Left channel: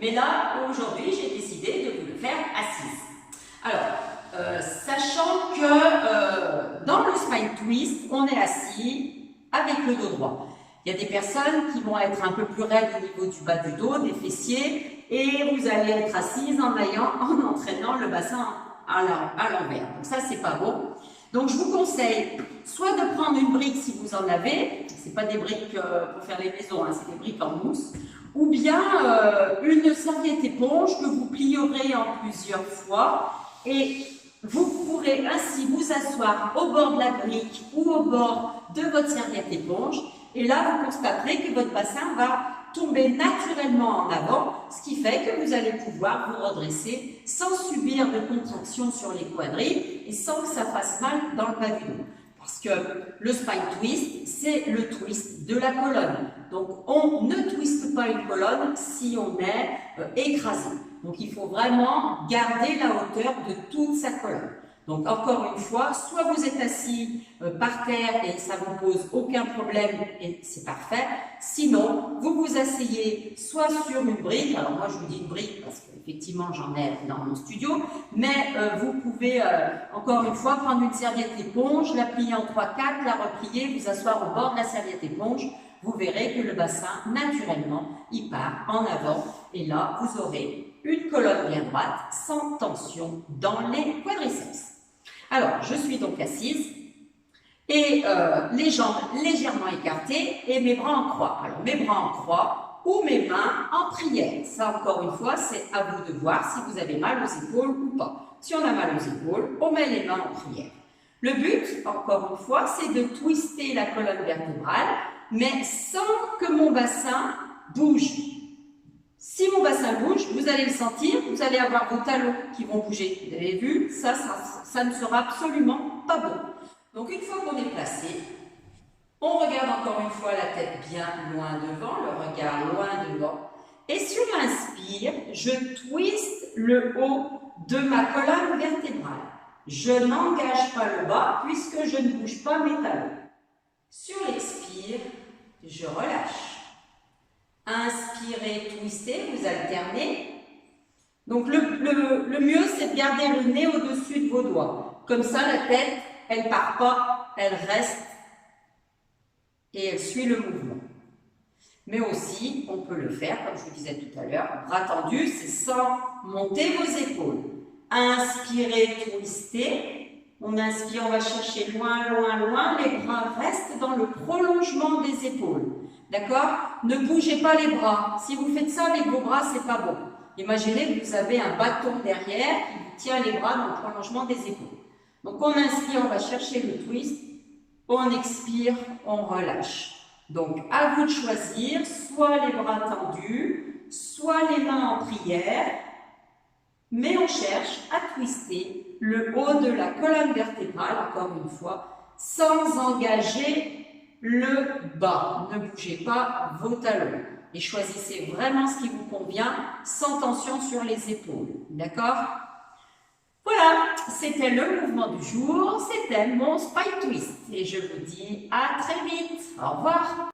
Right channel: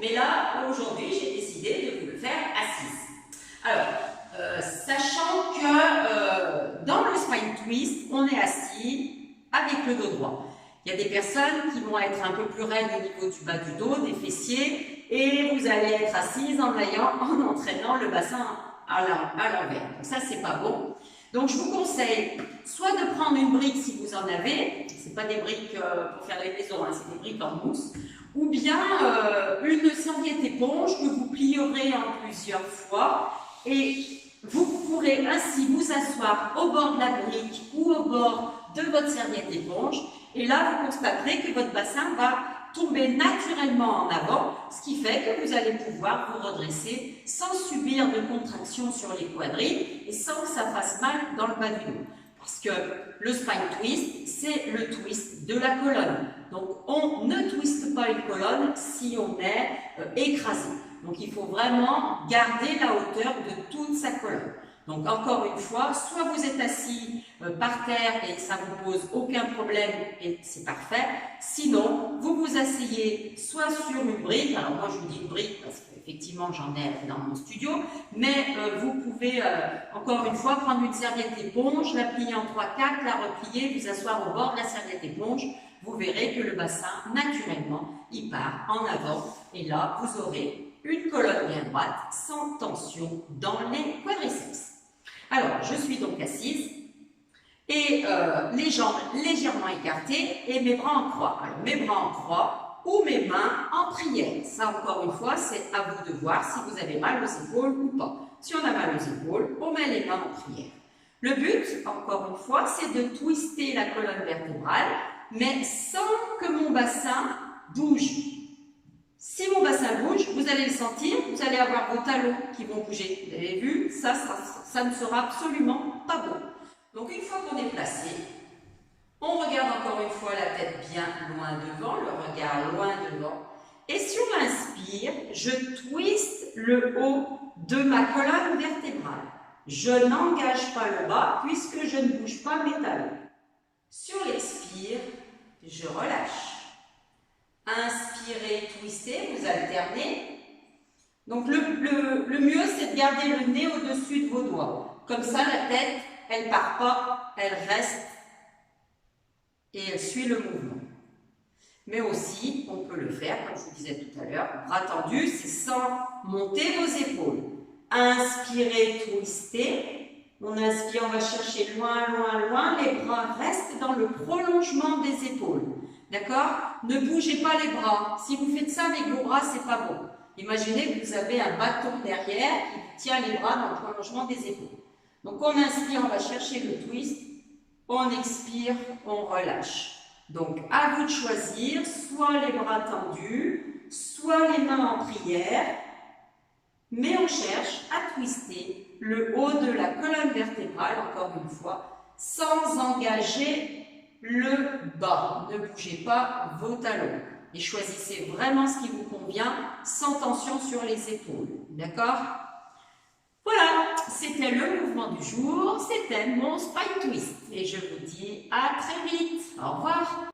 mais là, aujourd'hui, j'ai décidé de vous le faire assise. Alors, sachant que dans le spine twist, on est assis avec le dos droit. Il y a des personnes qui vont être un peu plus raides au niveau du bas du dos, des fessiers, et vous allez être assise en entraînant le bassin à l'envers. Donc ça, c'est pas bon. Donc je vous conseille soit de prendre une brique si vous en avez, c'est pas des briques pour faire les maisons, hein, c'est des briques en mousse, ou bien une serviette éponge que vous plierez en plusieurs fois et vous pourrez ainsi vous asseoir au bord de la brique ou au bord de votre serviette éponge et là vous constaterez que votre bassin va tomber naturellement en avant, ce qui fait que vous allez pouvoir vous redresser sans subir de contraction sur les quadrilles et sans que ça fasse mal dans le bas du dos. Parce que le spine twist, c'est le twist de la colonne. Donc, on ne twiste pas une colonne si on est écrasé. Donc, il faut vraiment garder la hauteur de toute sa colonne. Donc, encore une fois, soit vous êtes assis par terre et ça ne vous pose aucun problème et c'est parfait. Sinon, vous vous asseyez soit sur une brique, alors moi je vous dis une brique parce qu'effectivement j'en ai dans mon studio, mais vous pouvez encore une fois prendre une serviette éponge, la plier en 3-4, la replier, vous asseoir au bord de la serviette éponge. Vous verrez que le bassin, naturellement, il part en avant et là, vous aurez une colonne bien droite sans tension dans les quadriceps. Alors, je suis donc assise et les jambes légèrement écartées et mes bras en croix. Alors, mes bras en croix ou mes mains en prière. Ça, encore une fois, c'est à vous de voir si vous avez mal aux épaules ou pas. Si on a mal aux épaules, on met les mains en prière. Le but, encore une fois, c'est de twister la colonne vertébrale, mais sans que mon bassin bouge. Si mon bassin bouge, vous allez le sentir, vous allez avoir vos talons qui vont bouger. Vous avez vu, ça ne sera absolument pas bon. Donc une fois qu'on est placé, on regarde encore une fois la tête bien loin devant, le regard loin devant. Et si on inspire, je twiste le haut de ma colonne vertébrale. Je n'engage pas le bas puisque je ne bouge pas mes talons. Sur l'expire, je relâche. Inspirez, twistez, vous alternez. Donc le mieux, c'est de garder le nez au-dessus de vos doigts. Comme ça, la tête, elle ne part pas, elle reste et elle suit le mouvement. Mais aussi, on peut le faire, comme je vous disais tout à l'heure, bras tendus, c'est sans monter vos épaules. Inspirez, twistez. On inspire, on va chercher loin, loin, loin. Les bras restent dans le prolongement des épaules. D'accord? Ne bougez pas les bras. Si vous faites ça avec vos bras, c'est pas bon. Imaginez que vous avez un bâton derrière qui vous tient les bras dans le prolongement des épaules. Donc on inspire, on va chercher le twist. On expire, on relâche. Donc à vous de choisir, soit les bras tendus, soit les mains en prière. Mais on cherche à twister le haut de la colonne vertébrale, encore une fois, sans engager le bas. Ne bougez pas vos talons et choisissez vraiment ce qui vous convient sans tension sur les épaules. D'accord? Voilà, c'était le mouvement du jour, c'était mon spine twist et je vous dis à très vite. Au revoir.